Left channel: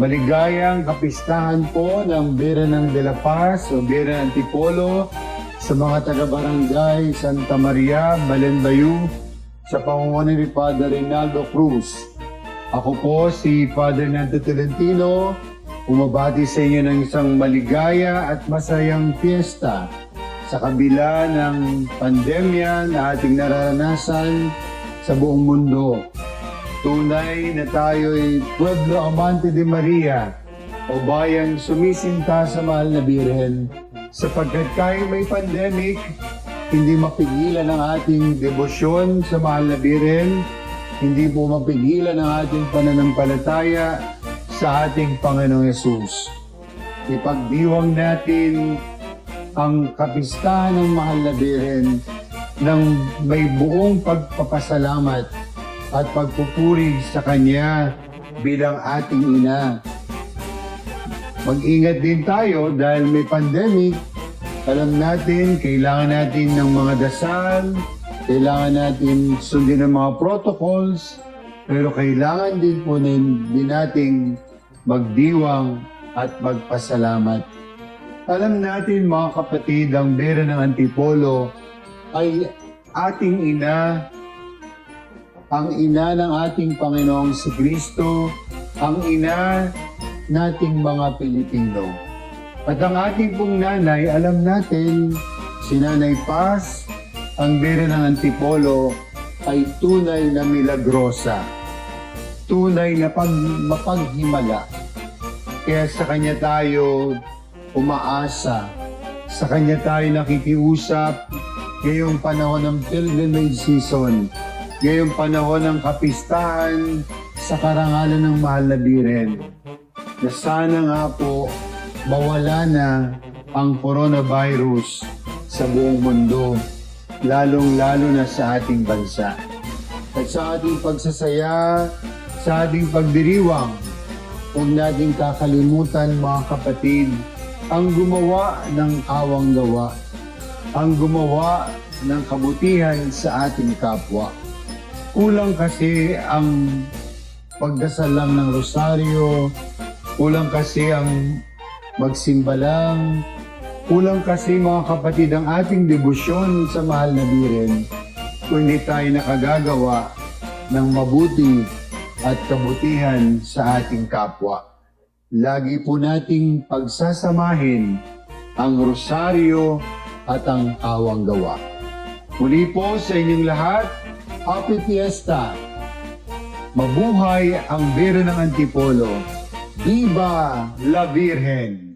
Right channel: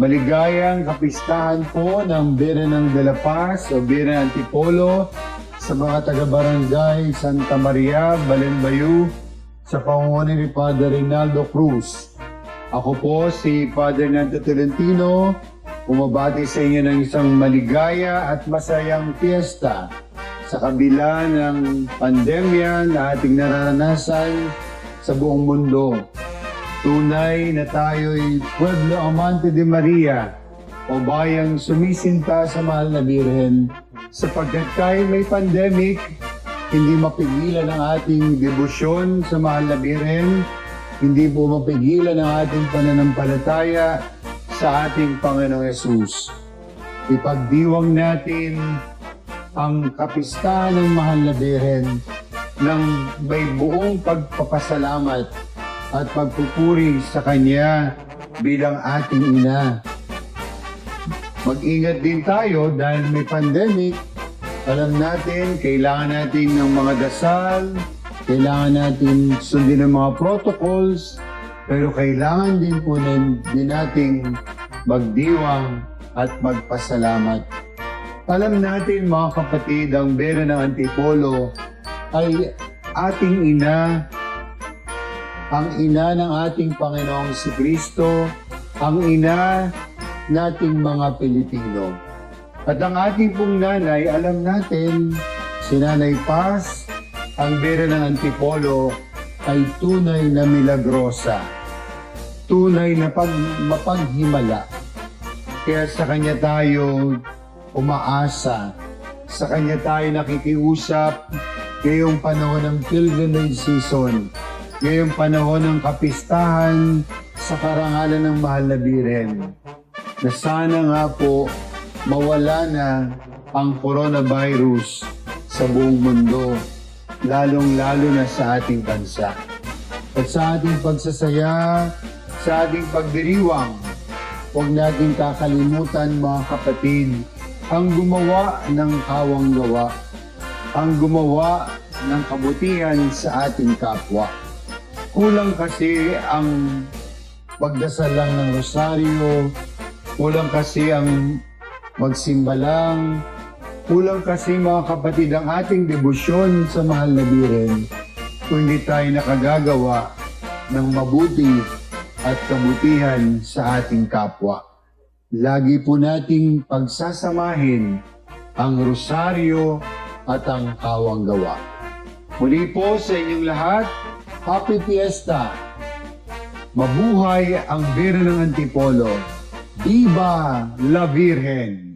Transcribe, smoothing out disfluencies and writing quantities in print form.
Maligayang kapistahan po ng Birenang de la Paz o Birenang Antipolo sa mga taga-barangay Santa Maria, Balenbayu sa pamumuno ni Father Reynaldo Cruz. Ako po si Father Nando Tolentino, umabati sa inyo ng isang maligaya at masayang fiesta sa kabila ng pandemya na ating nararanasan sa buong mundo. Tunay na tayo'y Pueblo Amante de Maria o bayang sumisinta sa mahal na Birhen sapagkat kahit may pandemic, hindi mapigilan ang ating debosyon sa mahal na Birhen, hindi po mapigilan ang ating pananampalataya sa ating Panginoong Yesus. Ipagdiwang natin ang kapistahan ng mahal na Birhen ng may buong pagpapasalamat at pagpupuri sa Kanya bilang ating ina. Mag-ingat din tayo dahil may pandemic. Alam natin, kailangan natin ng mga dasal, kailangan natin sundin ang mga protocols, pero kailangan din po din nating magdiwang at magpasalamat. Alam natin mga kapatid, ang Birhen ng Antipolo ay ating ina, ang ina ng ating Panginoong Kristo, ang ina nating mga Pilipino. At ang ating pong nanay, alam natin, si Nanay Paz, ang Birhen ng Antipolo, ay tunay na milagrosa. Tunay na mapaghimala. Kaya sa Kanya tayo umaasa, sa Kanya tayo nakikiusap ngayong panahon ng pilgrimage season, ngayong panahon ng kapistahan sa karangalan ng mahal na Birhen, na sana nga po mawala na ang coronavirus sa buong mundo, lalong-lalo na sa ating bansa. At sa ating pagsasaya, sa ating pagdiriwang, huwag natin kakalimutan mga kapatid, ang gumawa ng awang gawa, ang gumawa ng kabutihan sa ating kapwa. Kulang kasi ang pagdasal lang ng rosaryo, kulang kasi ang magsimba lang, kulang kasi mga kapatid ang ating debosyon sa mahal na Birhen kung hindi tayo nakagagawa ng mabuti at kabutihan sa ating kapwa. Lagi po nating pagsasamahin ang rosaryo at ang awang gawa. Muli po sa inyong lahat, Happy Fiesta! Mabuhay ang Birhen ng Antipolo! Viva la Virgen!